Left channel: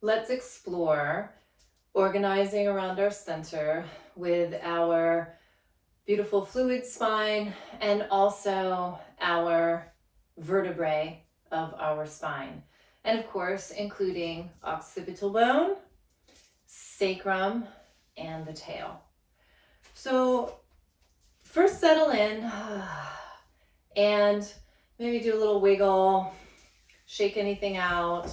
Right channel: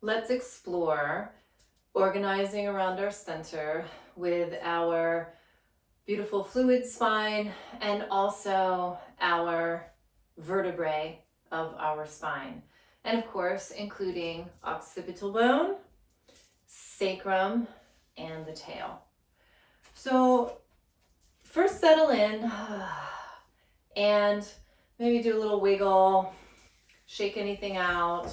let's explore organizing around our center with our beautiful fluid spine and also our vertebrae of our spine. And of course, including occipital bone, sacrum, and the tail. So first settle in and maybe do a little wiggle, shake anything out,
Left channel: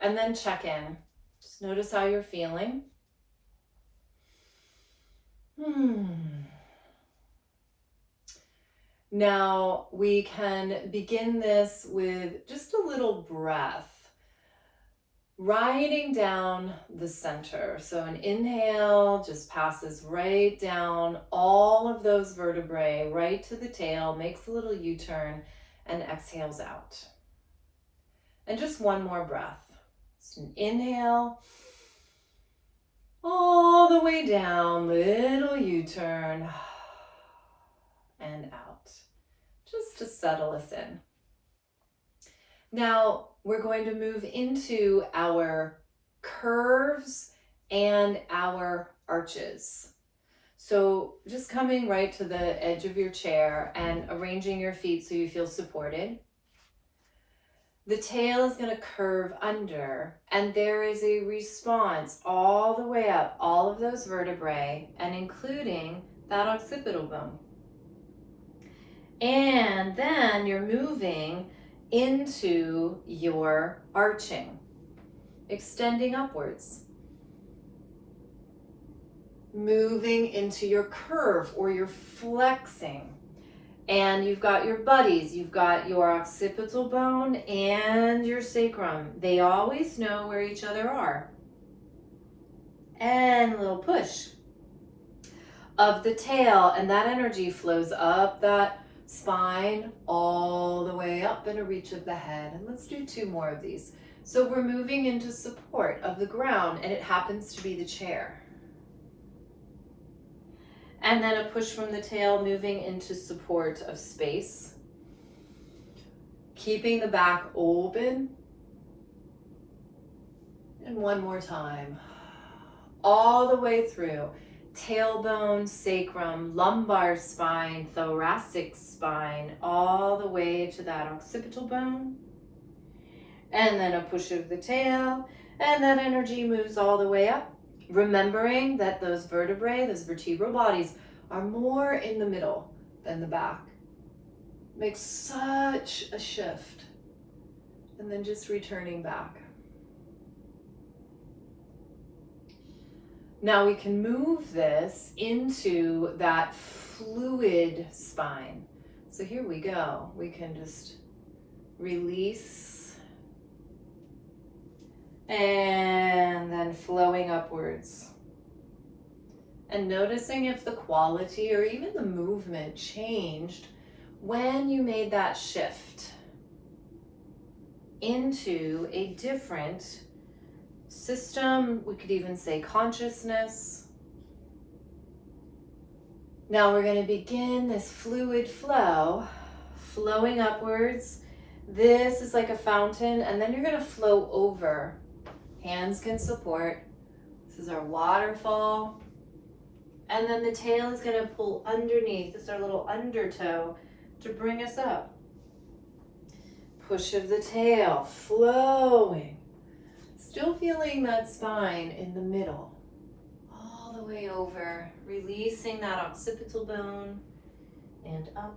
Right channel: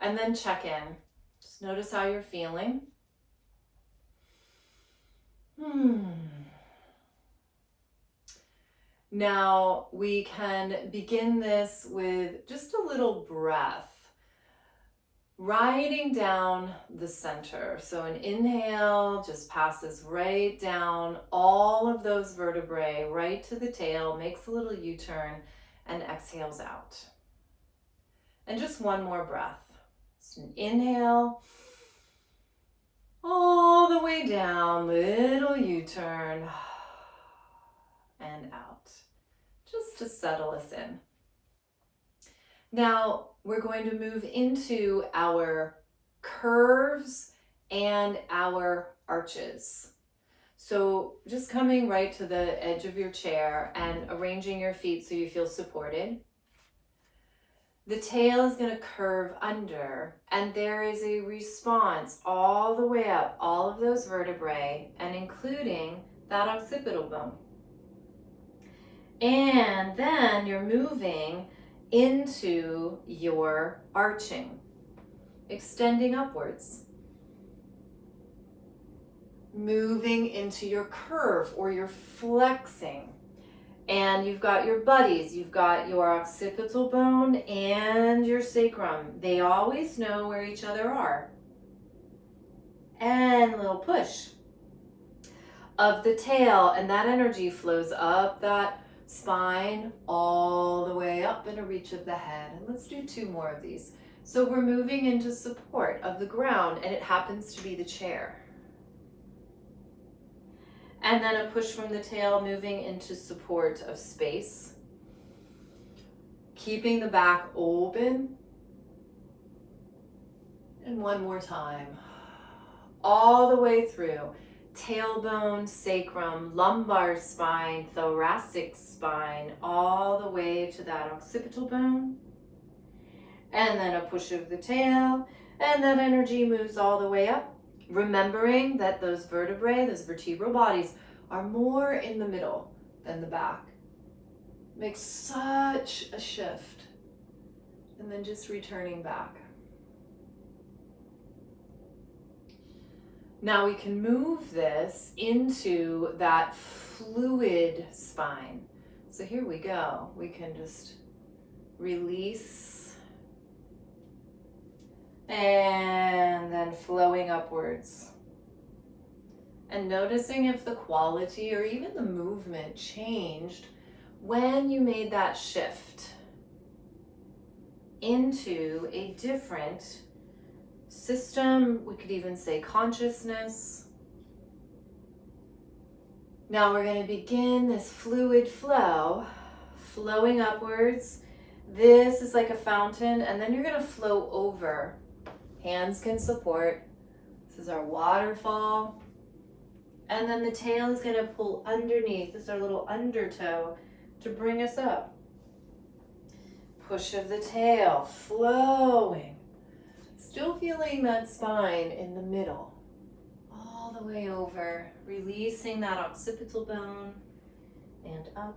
and then check in. Just notice how you're feeling. Now we can begin this with just a little breath, riding down the center. So an inhale just passes right down all of those vertebrae, right to the tail, makes a little U-turn, and exhales out. And just one more breath. Just an inhale, all the way down, little U-turn, and out, just to settle us in. Now we're going to move into our curves and our arches. So just coming right to the edge of your chair and arranging your feet so you feel supported. The tail is going to curve under, and there is a response all the way up, all of those vertebrae, and including that occipital bone. And then you're moving into your arching, extending upwards, moving into your curve or your flexing. And you've got your buddies, you've got your occipital bone and your sacrum. They always know where each other are. And a little push of the tail, and that energy flows up that spine all the way up in a reach of the head. And let's do 2 more of these. So we're moving into support of the ground, and it happens to be the chair. And then a push from the tail, moving into support of space. Keeping the back open. And one more time. All the way through. Tailbone, sacrum, lumbar spine, thoracic spine, all the way to that occipital bone. And then a push of the tail, and that energy moves all the way up. Remembering that those vertebrae, those vertebral bodies, are more in the middle than the back. Makes such a shift. And then just returning back. Now we can move this into that fluid spine. So here we go. We can just release and then flowing upwards. And noticing if the quality or even the movement changed when you made that shift into a different system. We could even say consciousness. Now we're going to begin this fluid flow, flowing upwards. This is like a fountain, and then you're going to flow over. Hands can support. This is our waterfall. And then the tail is going to pull underneath. This is our little undertow to bring us up. Push of the tail, flowing. Still feeling that spine in the middle. All the way over, releasing that occipital bone and up.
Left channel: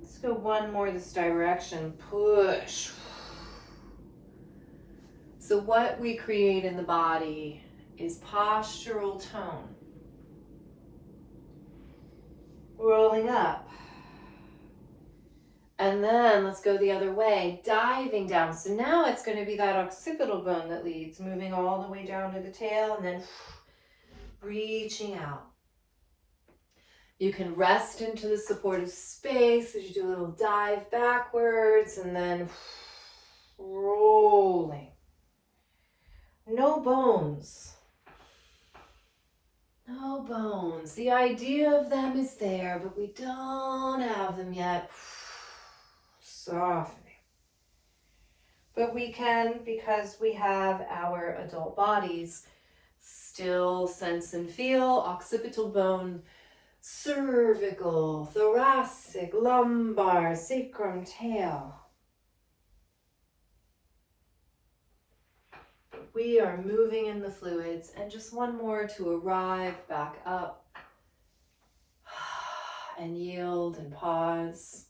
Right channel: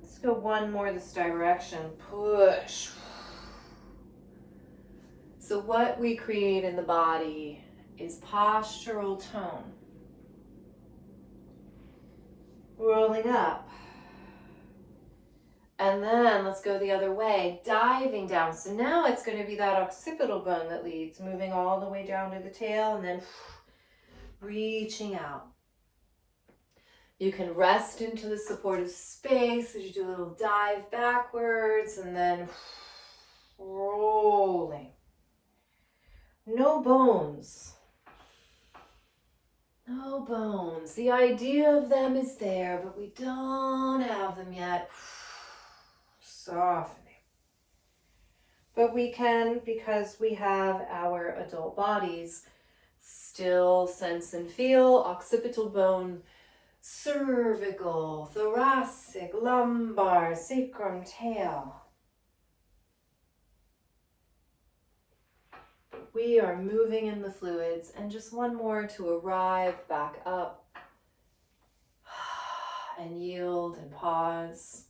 Let's go one more this direction. Push. So what we create in the body is postural tone. Rolling up. And then let's go the other way, diving down. So now it's going to be that occipital bone that leads, moving all the way down to the tail and then reaching out. You can rest into the supportive space as you do a little dive backwards and then rolling. No bones. No bones. The idea of them is there, but we don't have them yet. Softening. but we can, because we have our adult bodies, still sense and feel occipital bone, cervical, thoracic, lumbar, sacrum, tail. We are moving in the fluids, and just one more to arrive back up and yield and pause.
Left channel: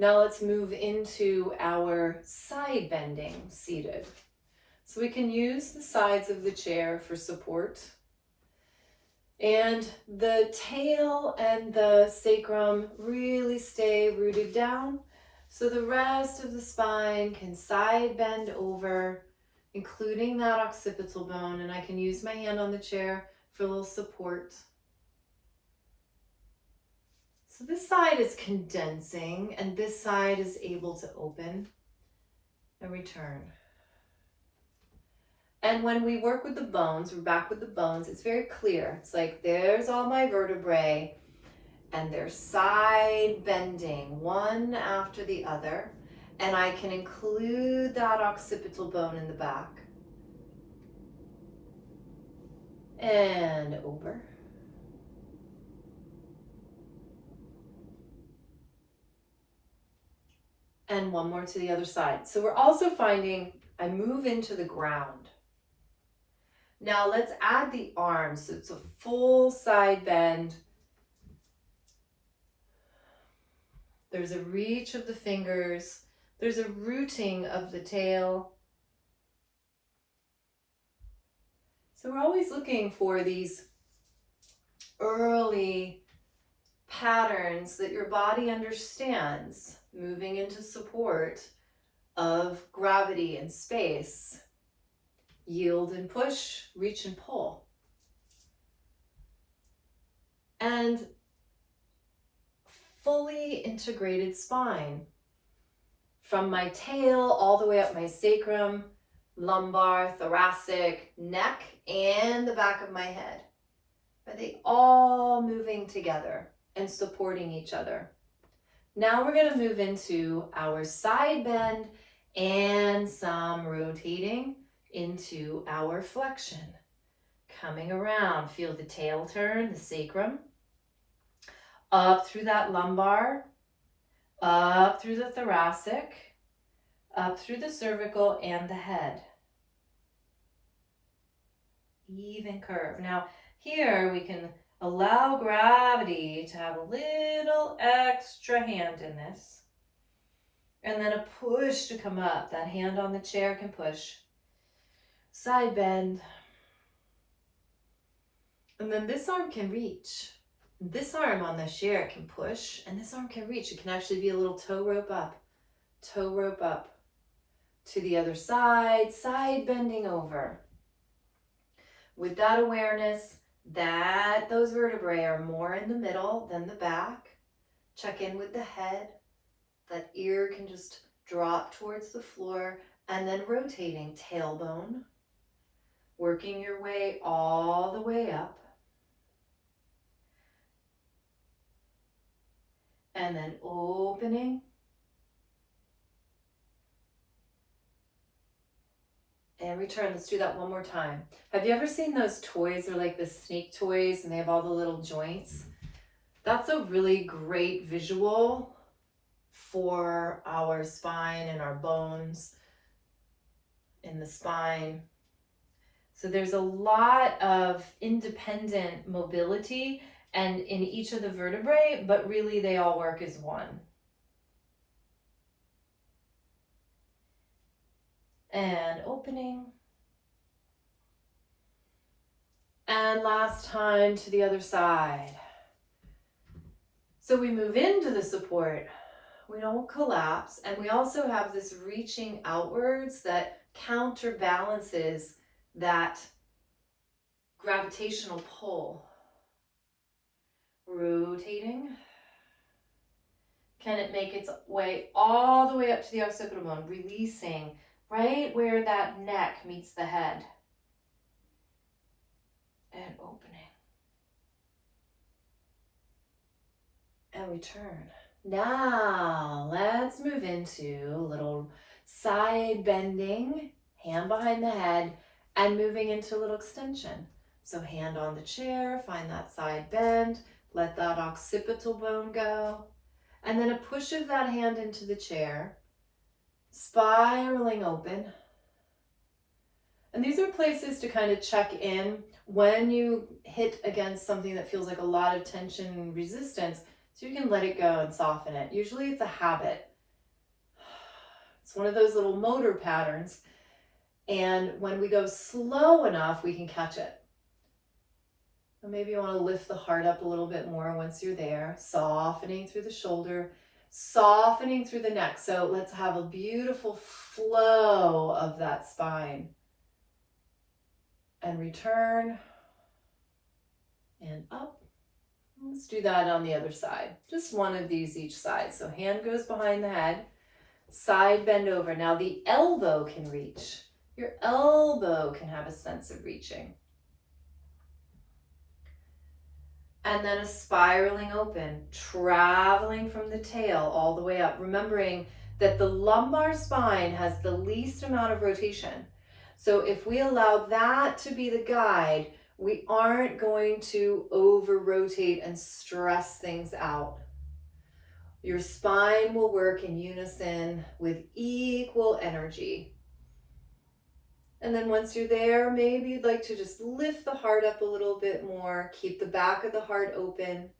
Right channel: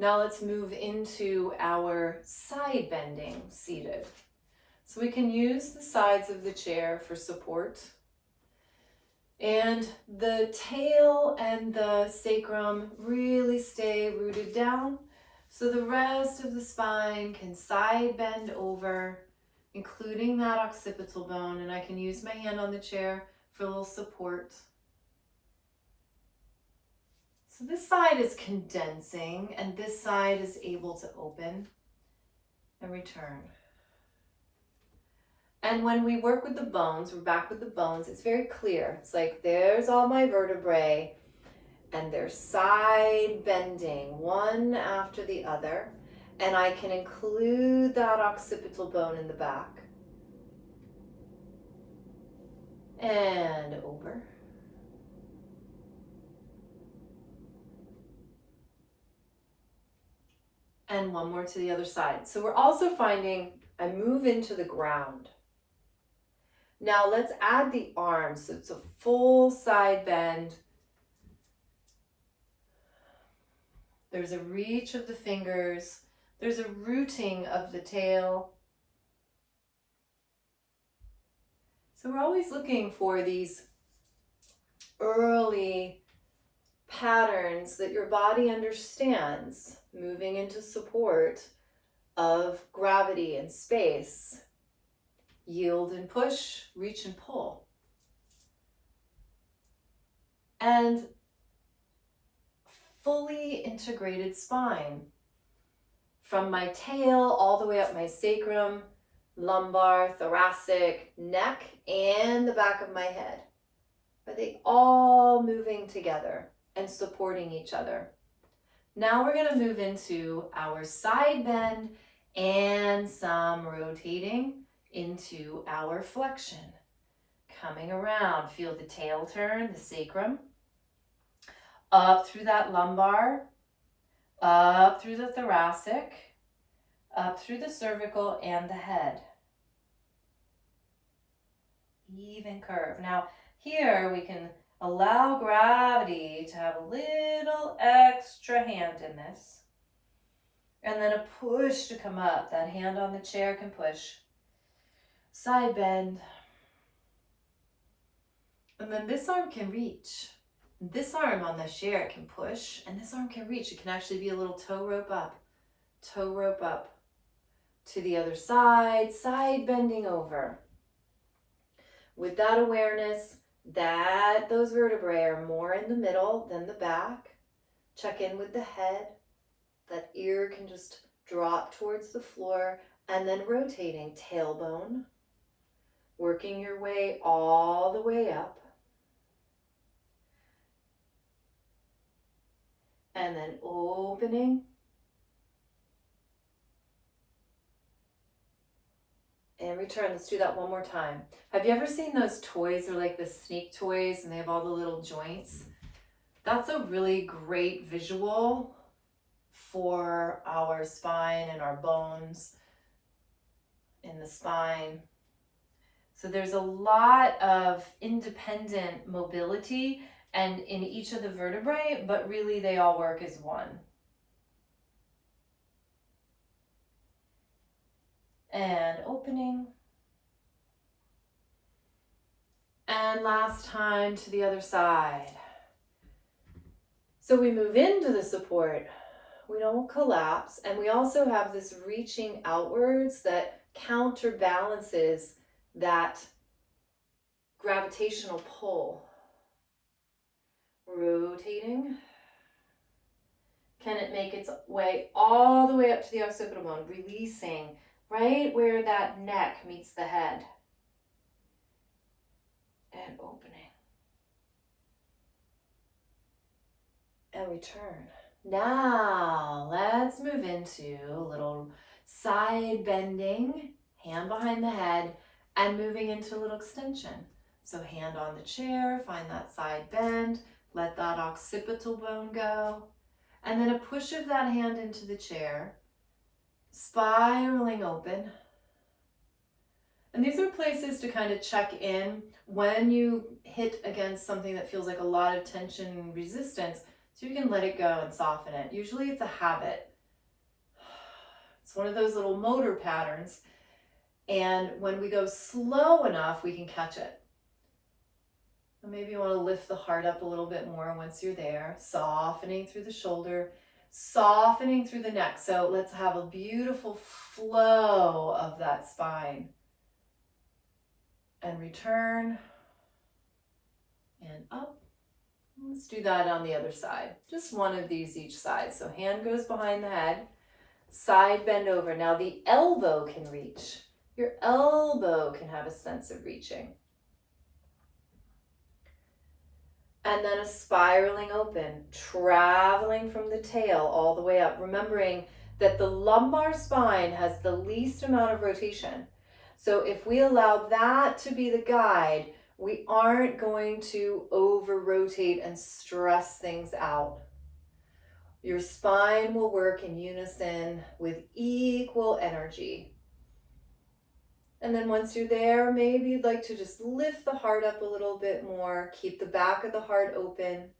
Now let's move into our side bending seated. So we can use the sides of the chair for support. And the tail and the sacrum really stay rooted down, so the rest of the spine can side bend over, including that occipital bone, and I can use my hand on the chair for a little support. So this side is condensing, and this side is able to open and return. And when we work with the bones, we're back with the bones, it's very clear. It's like there's all my vertebrae, and they're side bending one after the other. And I can include that occipital bone in the back. And over. And one more to the other side. So we're also finding I move into the ground. Now let's add the arms. So it's a full side bend. There's a reach of the fingers. There's a rooting of the tail. So we're always looking for these early patterns that your body understands, moving into support of gravity and space. Yield and push, reach and pull. And fully integrated spine. From my tail all the way up my sacrum, lumbar, thoracic, neck, and the back of my head. Are they all moving together and supporting each other? Now we're going to move into our side bend and some rotating into our flexion. Coming around, feel the tail turn, the sacrum, up through that lumbar, up through the thoracic, up through the cervical and the head. Even curve. Now here we can allow gravity to have a little extra hand in this. And then a push to come up. That hand on the chair can push. Side bend. And then this arm can reach. This arm on the chair can push, and this arm can reach. It can actually be a little toe rope up to the other side, side bending over. With that awareness that those vertebrae are more in the middle than the back, check in with the head. That ear can just drop towards the floor, and then rotating tailbone, working your way all the way up. And then opening. And return. Let's do that one more time. Have you ever seen those toys? They're like the snake toys and they have all the little joints. That's a really great visual for our spine and our bones in the spine. So there's a lot of independent mobility and in each of the vertebrae, but really they all work as one. And opening. And last time to the other side. So we move into the support. We don't collapse. And we also have this reaching outwards that counterbalances that gravitational pull. Rotating. Can it make its way all the way up to the occipital bone? Releasing right where that neck meets the head. And opening. And return. Now, let's move into a little side bending, hand behind the head, and moving into a little extension. So hand on the chair, find that side bend, let that occipital bone go, and then a push of that hand into the chair, spiraling open. And these are places to kind of check in when you hit against something that feels like a lot of tension and resistance, so you can let it go and soften it. Usually it's a habit. It's one of those little motor patterns. And when we go slow enough, we can catch it. So maybe you want to lift the heart up a little bit more once you're there, softening through the shoulder, softening through the neck. So let's have a beautiful flow of that spine. And return and up. Let's do that on the other side. Just one of these each side. So hand goes behind the head, side bend over. Now the elbow can reach. Your elbow can have a sense of reaching. And then a spiraling open, traveling from the tail all the way up, remembering that the lumbar spine has the least amount of rotation. So if we allow that to be the guide, we aren't going to over rotate and stress things out. Your spine will work in unison with equal energy. And then once you're there, maybe you'd like to just lift the heart up a little bit more, keep the back of the heart open,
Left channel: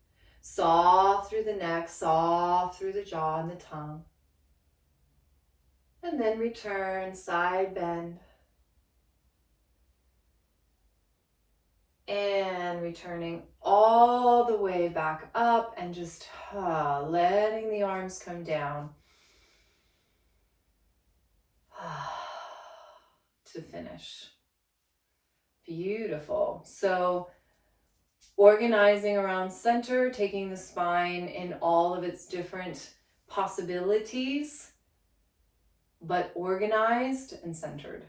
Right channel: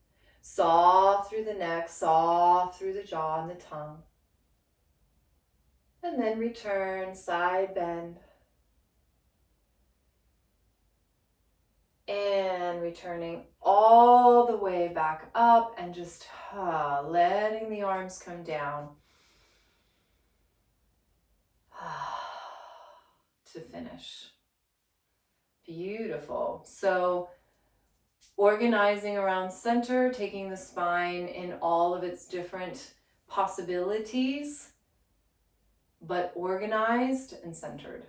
soft through the neck, soft through the jaw and the tongue. And then return, side bend. And returning all the way back up and just letting the arms come down to finish. Beautiful. So organizing around center, taking the spine in all of its different possibilities, but organized and centered.